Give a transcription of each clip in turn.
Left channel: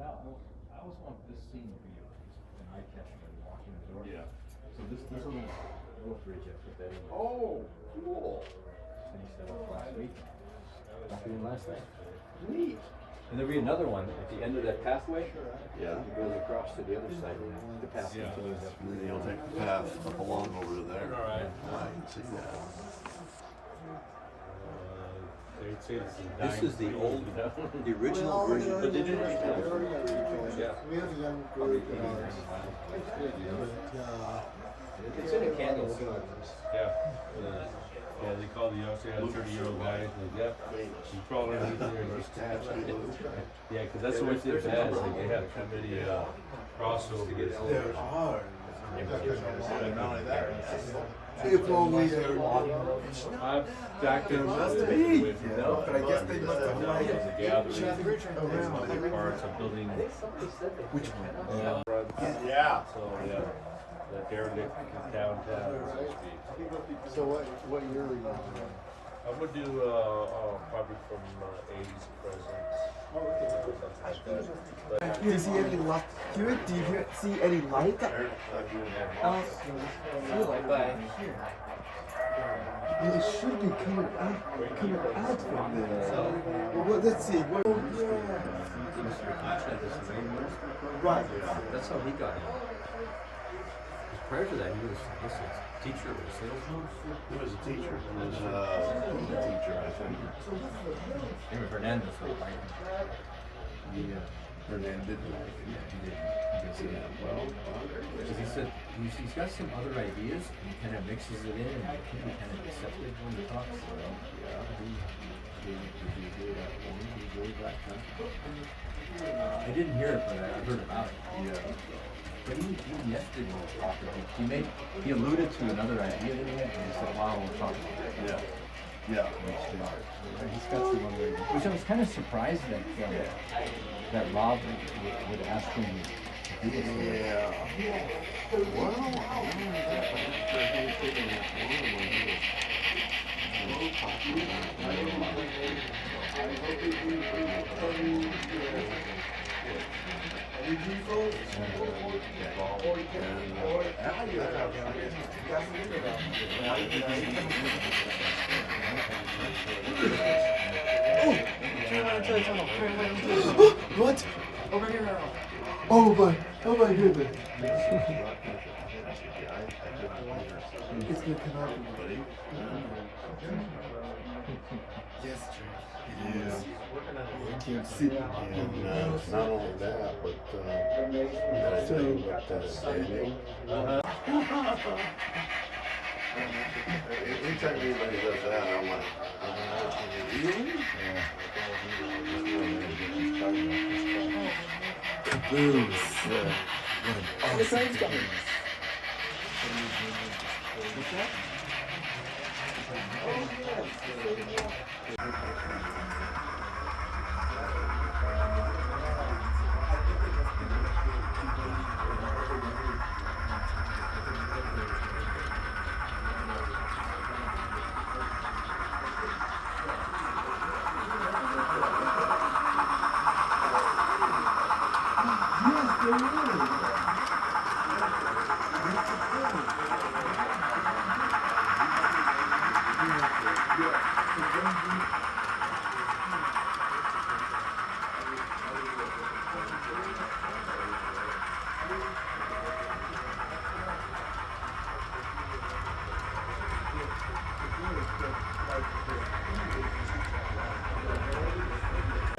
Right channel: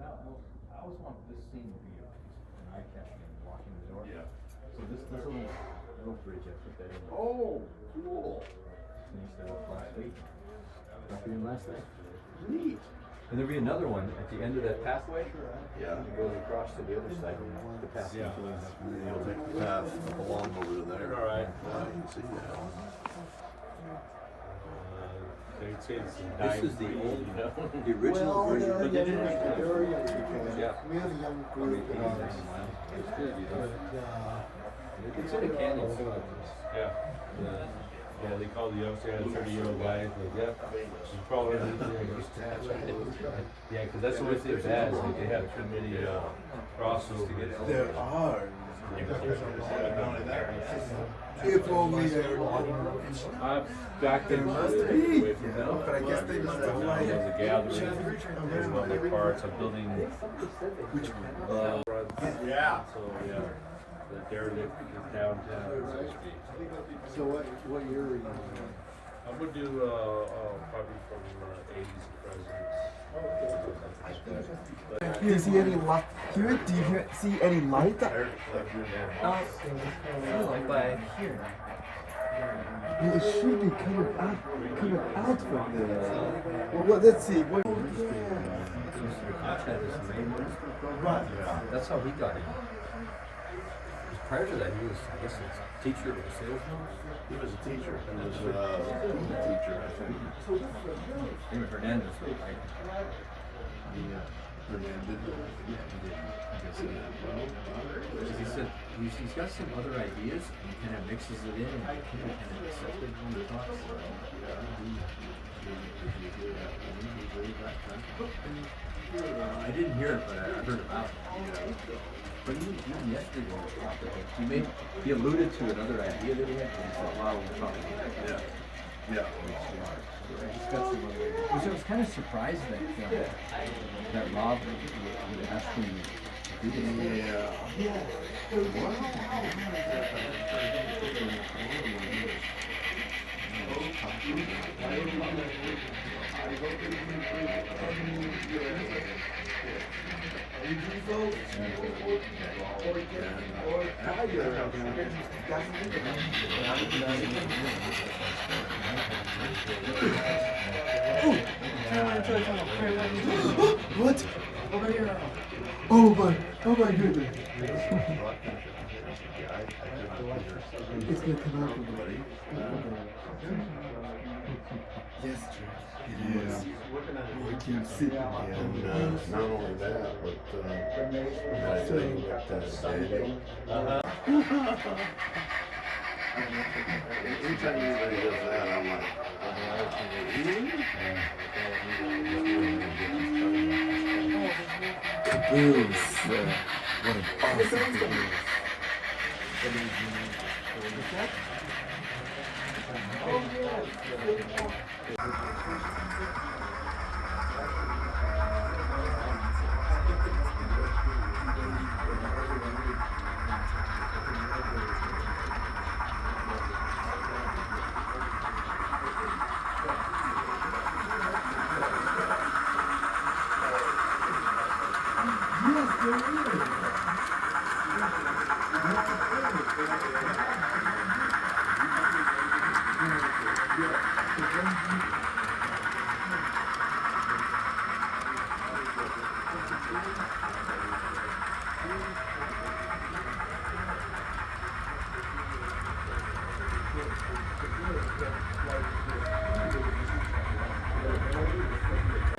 I always want this scene to be an eye catching when you're walking the door. Yeah. So this little bridge I put that in. Oh, cool. Finished that up last week. Got it in last night. Neat. And there'll be another one at the end of that pathway. Yeah. It goes across to the other side of the path. Yeah. You'll take the path up along over to there. All right. I can see that. This is the old, the original version, but they didn't yeah. We have a young group of It's in a candle. Yeah. Yeah, they call the youngster 30-year-old guys. Like, yep. You probably yeah, because that's the way they're bad. Like they have too many crossovers. there are. If only there were. Back then, Must be, you know, but I guess they must have like a gathering. Other parts of building. Which yeah. So yeah, the area downtown. So what year were you in? I would do probably from 80s presidents. Do you see any light here? Do you see any light? Well, it should be coming out from there. Well, let's see. Right. That's how he got in. Prior to that, he was, I guess, a teacher or a salesman. He was a teacher. He was a teacher, I think. He was Hernandez, right? Yeah. Hernandez. Yeah, he did. I can see that. Because he said he's got some other ideas and he kind of mixes it in and it can be kind of deceptive when he talks. I didn't hear it, but I heard about it. Yeah. But even yesterday when we talked about it, he alluded to another idea that he had, and he said, wow, we'll talk about it. Yeah. Yeah. He's got some other ideas. Which I was kind of surprised that Rob would ask him to do this. Yeah. What? Over here. Oh my goodness. It's gonna come out from the yes, Drayke. It is. You can see it. And not only that, but I think with Daniel. Anytime anybody does that, I'm like, really? Boom. What an awesome thing.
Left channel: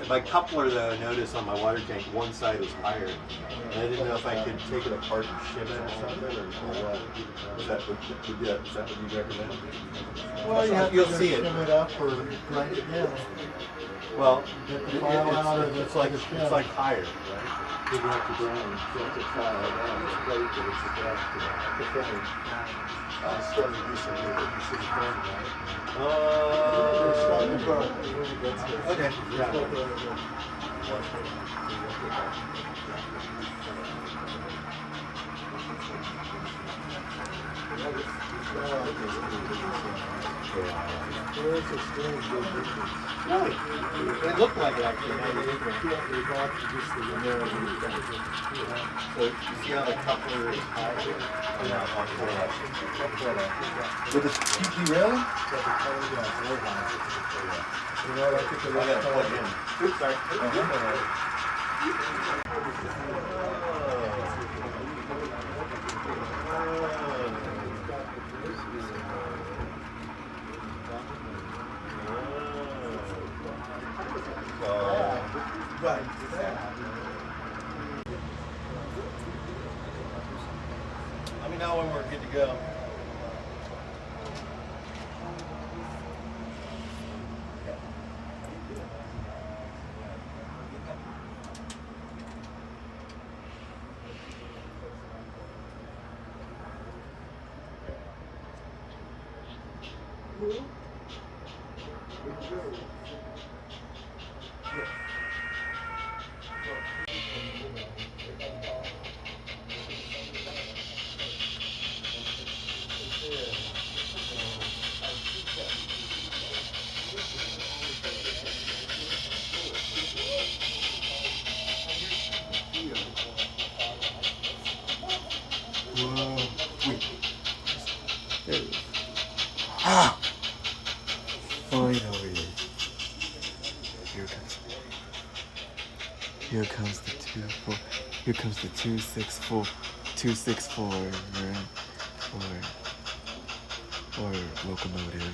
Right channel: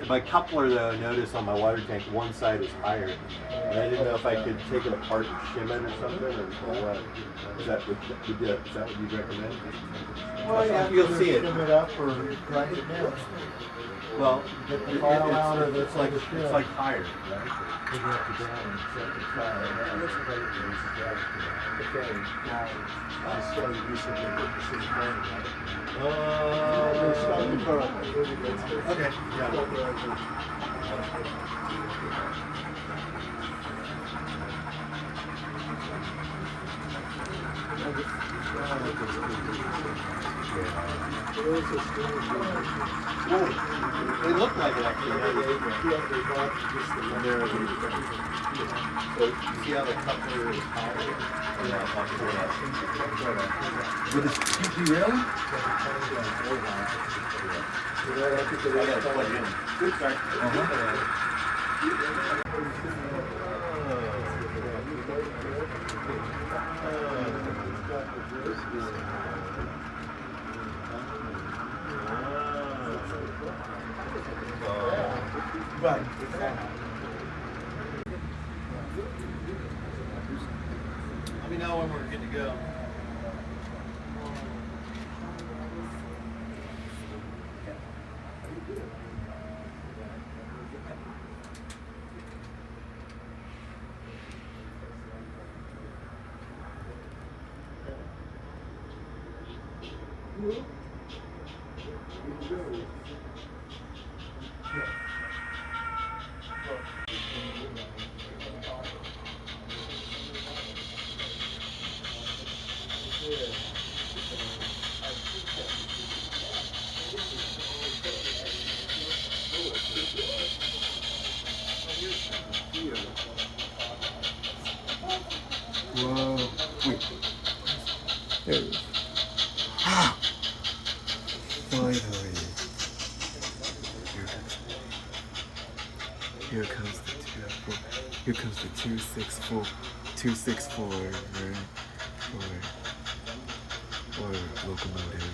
My coupler, though, I noticed on my water tank, one side is higher. And I didn't know if I could take it apart and shim it or something, or what. Is that what you'd recommend? Well, you have You'll to see it. trim it up or grind it down. Well, It's like higher, right? You have to go and set the file down. This plate that is the frame. I started recently with the city frame, right? Okay, yeah. They look like it actually. So you see how the coupler is higher? With the PG railing? Good start. Right. Let me know when we're good to go. Here comes the 2-4. Here comes the 264. 264 or locomotive.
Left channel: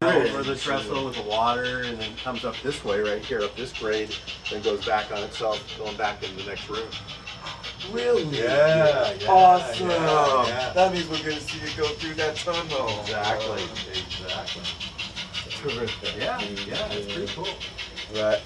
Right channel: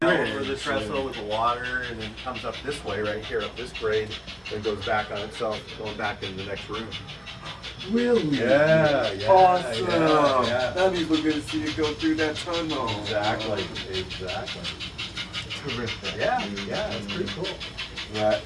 Over the trestle with the water, and then comes up this way right here, up this grade, and goes back on itself, going back into the next room. Really? Yeah, yeah. Awesome. Yeah. That means we're gonna see you go through that tunnel. Exactly. Terrific. Yeah, it's pretty cool. Right.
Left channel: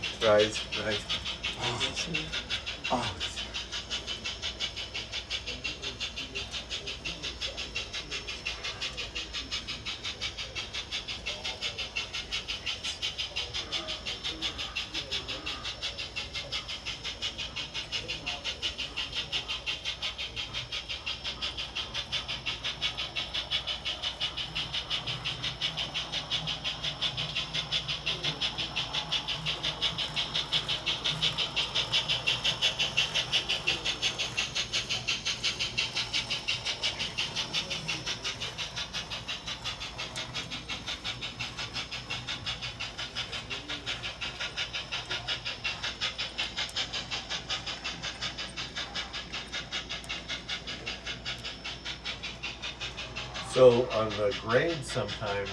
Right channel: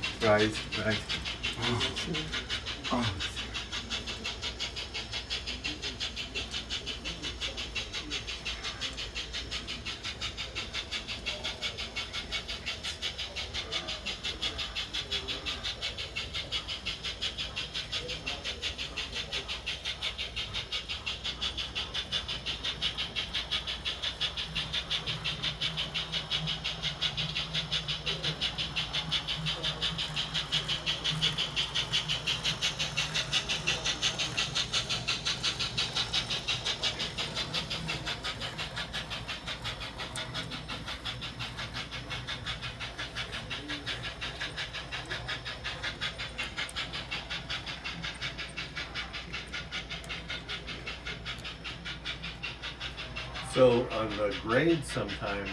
So on the grade, sometimes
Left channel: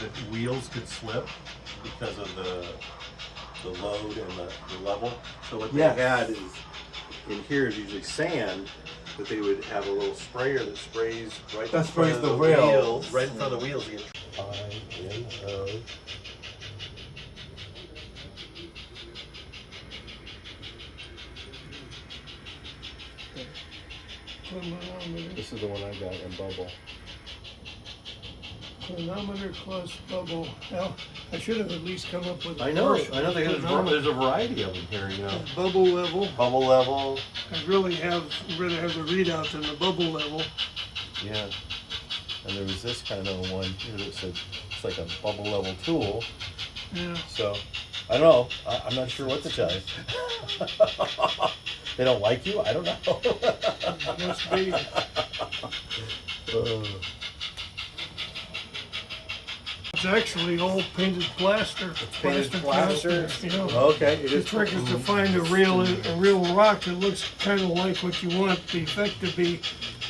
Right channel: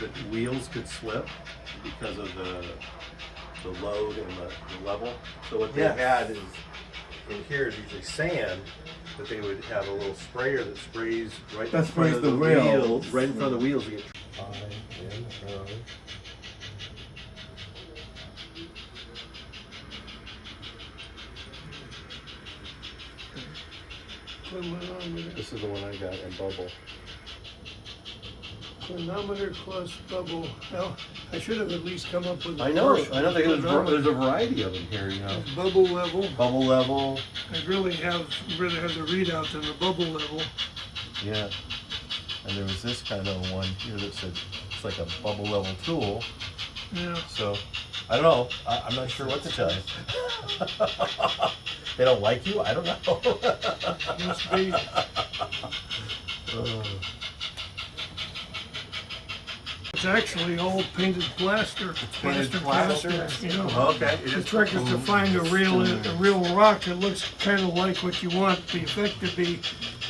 the wheels could slip because of the load and the level. So what they had is, in here is usually sand, but they would have a little sprayer that sprays right in front of the wheels, right in front of the wheels. This is the one I got in bubble. Clinometer plus bubble. Well, I should have at least come up with. I know. There's a variety of them here. You know, Bubble level. bubble level. I'd rather have the readout than the bubble level. Yeah. And there was this kind of one here that said it's like a bubble level tool. Yeah. So I don't know. I'm not sure what to tell you. They don't like you? I don't know. Must be. It's actually all painted plaster. Painted plaster. You know. Okay. The trick is to find a real rock that looks kind of like what you want the effect to be,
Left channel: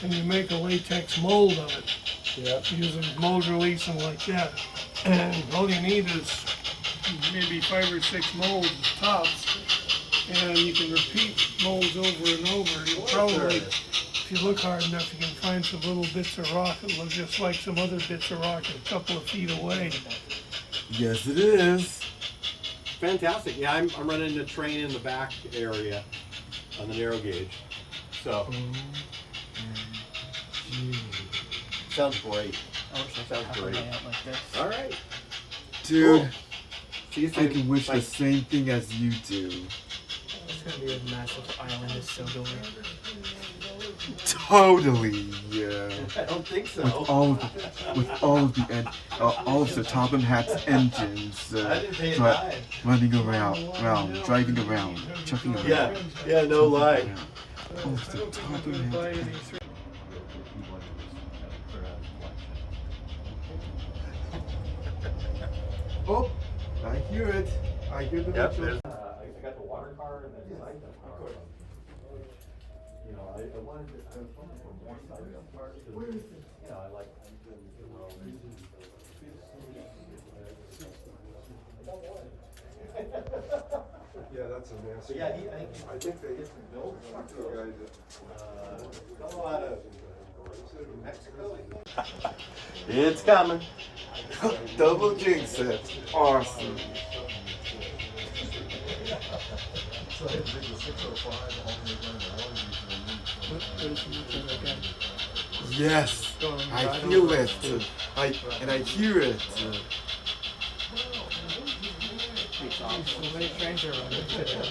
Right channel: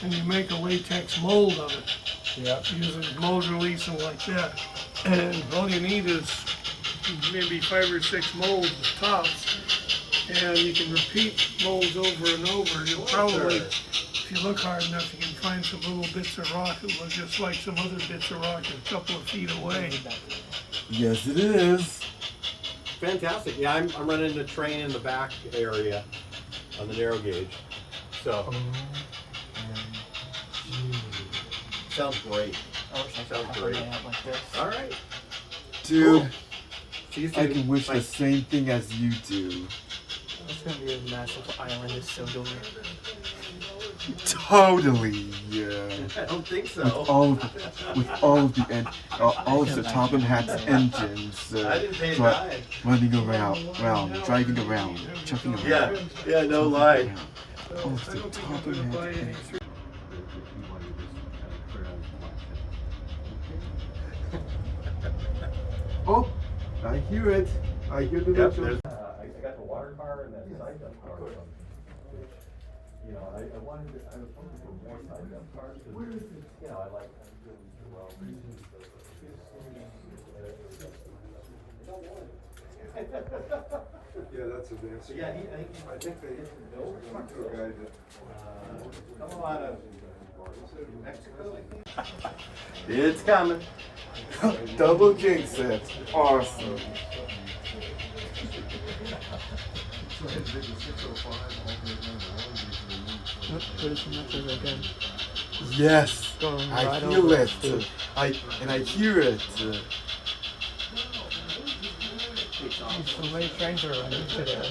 and you make a latex mold of it. Yeah. Using mold release and like that. And all you need is maybe 5 or 6 molds tops, and you can repeat molds over and over. You'll probably, if you look hard enough, you can find some little bits of rock that look just like some other bits of rock a couple of feet away. Yes, it is. Fantastic. Yeah, I'm running the train in the back area on the narrow gauge. So sounds great. I wish I could have a layout like this. All right. Dude, Cool. See you I soon. can wish Bye. the same thing as you do. It's gonna be a massive island of silver. Totally, yeah. I don't think so. With all of the Topham Hat's engines, I didn't pay a dri- dime. running around, driving around, chucking around. Yeah, no lie. All of the Topham Hat engines. Oh, I hear it. I hear the Yep, whistle. there's- I got the water car and then the cycle car. You know, I wanted, I was hoping for more cycle cars, but, you know, I like. Yeah, that's a nasty. Yeah, I think they hit some bills. Come on, It's coming. Double jinx it. Awesome. What is the again? Yes, Going I right feel over it. to- I hear it. So many trains are running today.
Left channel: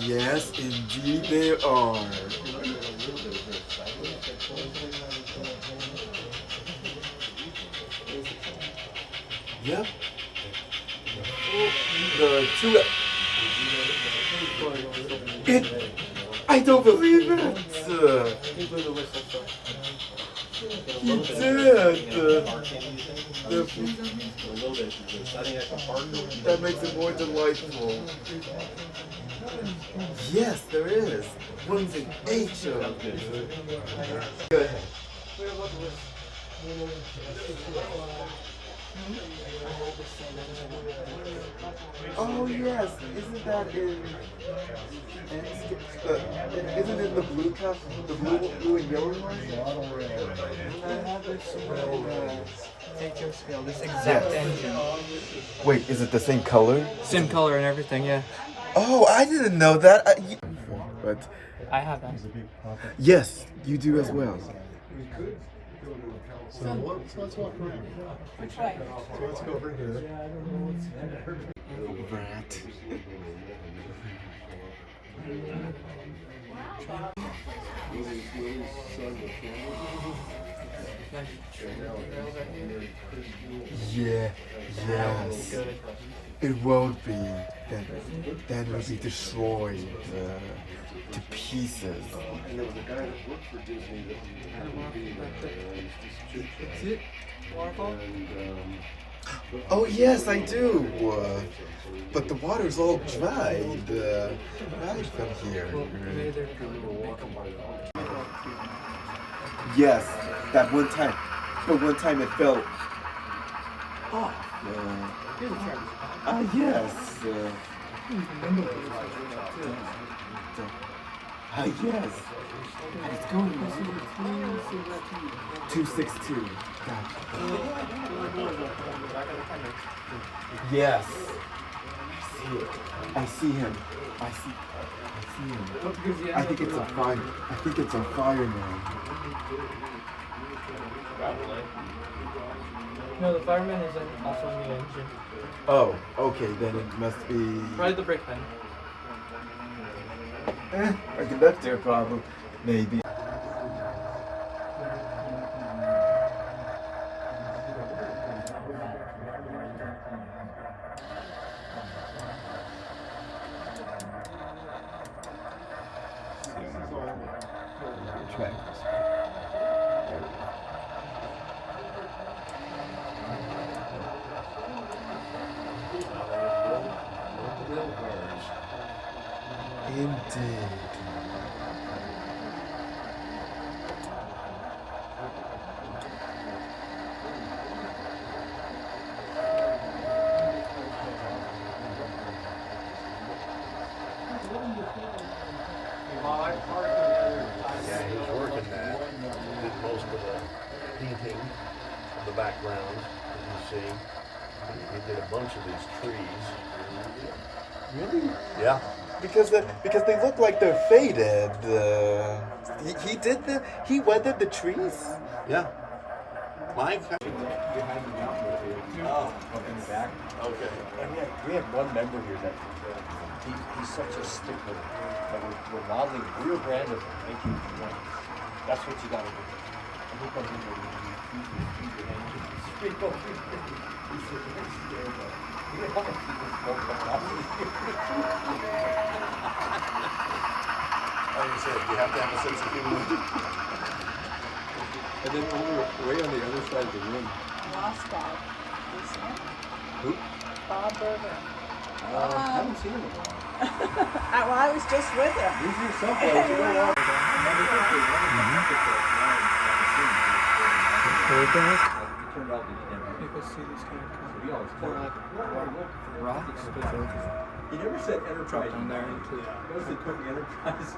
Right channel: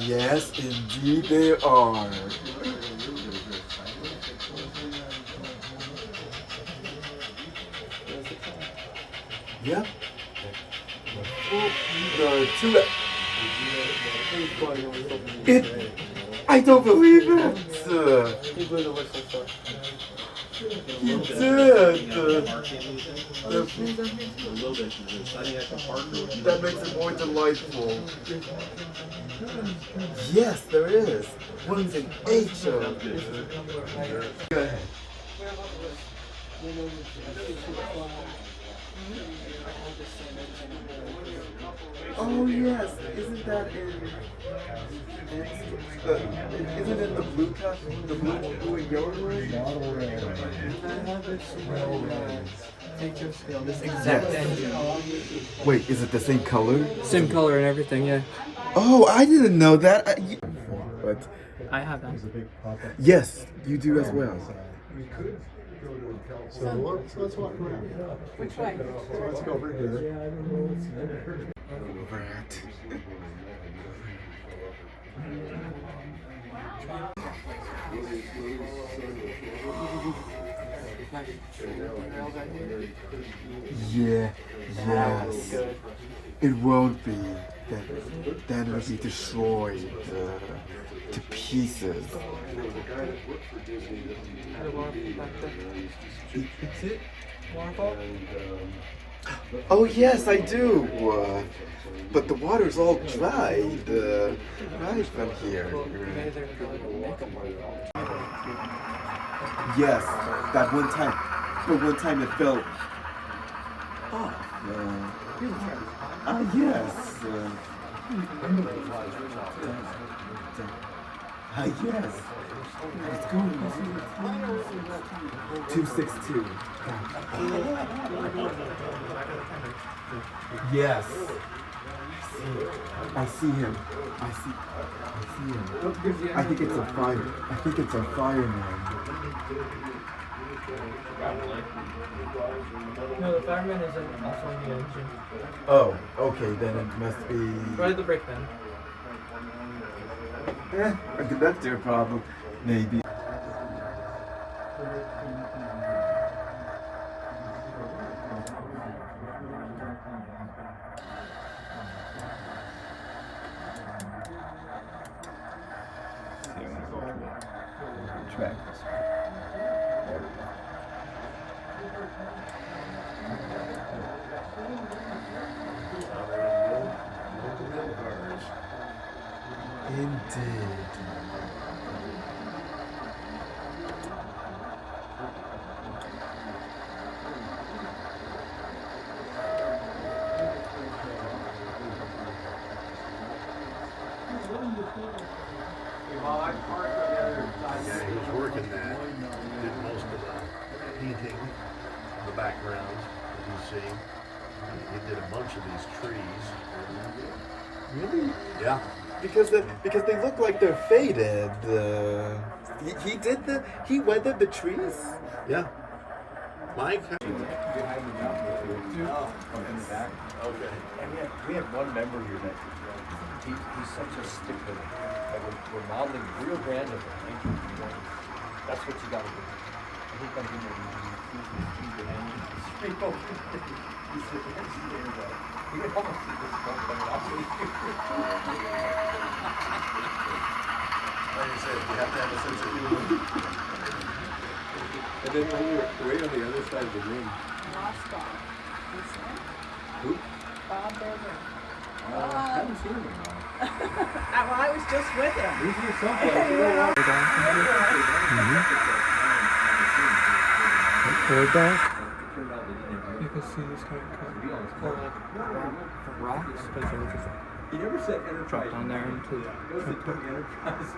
Yes, indeed they are. Yep. I don't believe it. He did. That makes it more delightful. Yes, there is. What is an H? Go ahead. Oh yes, isn't that in? Isn't it the blue truck, the blue and yellow one? I have it somewhere. Features feel this exact engine. Wait, is it the same color? Same color and everything, yeah. Oh, I didn't know that. But I have them. yes, you do as well. So let's walk around. Which way? So let's go over here. Rat. Yeah, yes. It won't be. Then will be destroyed to pieces. It's it? Oh yes, I do. But the water's all dried. Right from here. Yes, that one time. But one time it fell off. Yes. Yes. It's going 262. Yes. I see him. I see him. I think it's a fire. I think it's a fireman. No, the fireman is also in the engine. Oh, okay, then it must be Right at the brake pen. a conductor problem, maybe. Yeah, he was working that. Did most of the painting of the background that you see. He did a bunch of these trees. Really? Yeah. Because they look like they're faded. He weathered the trees. Yeah. Mike. We have one member here that he's such a stickler. That we're modeling real Grande. That's what you gotta do. Like I said, you have to have a sense of humor. And then when we were way on the other side of the room, Lost Bob. who? Bob Berger. I haven't seen him. Well, I was just with him. He's here someplace. You don't know. Or back. Turned out that he never- You can see this guy. we always called him. He never said Enterprise. He was it Enterprise?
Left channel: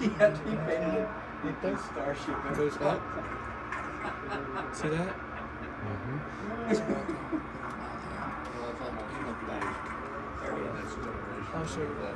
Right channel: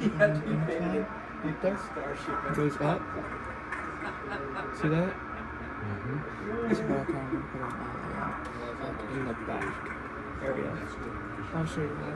He had to be painted the big starship. It goes up. See that? It's rock on. You look back. I'll show you that.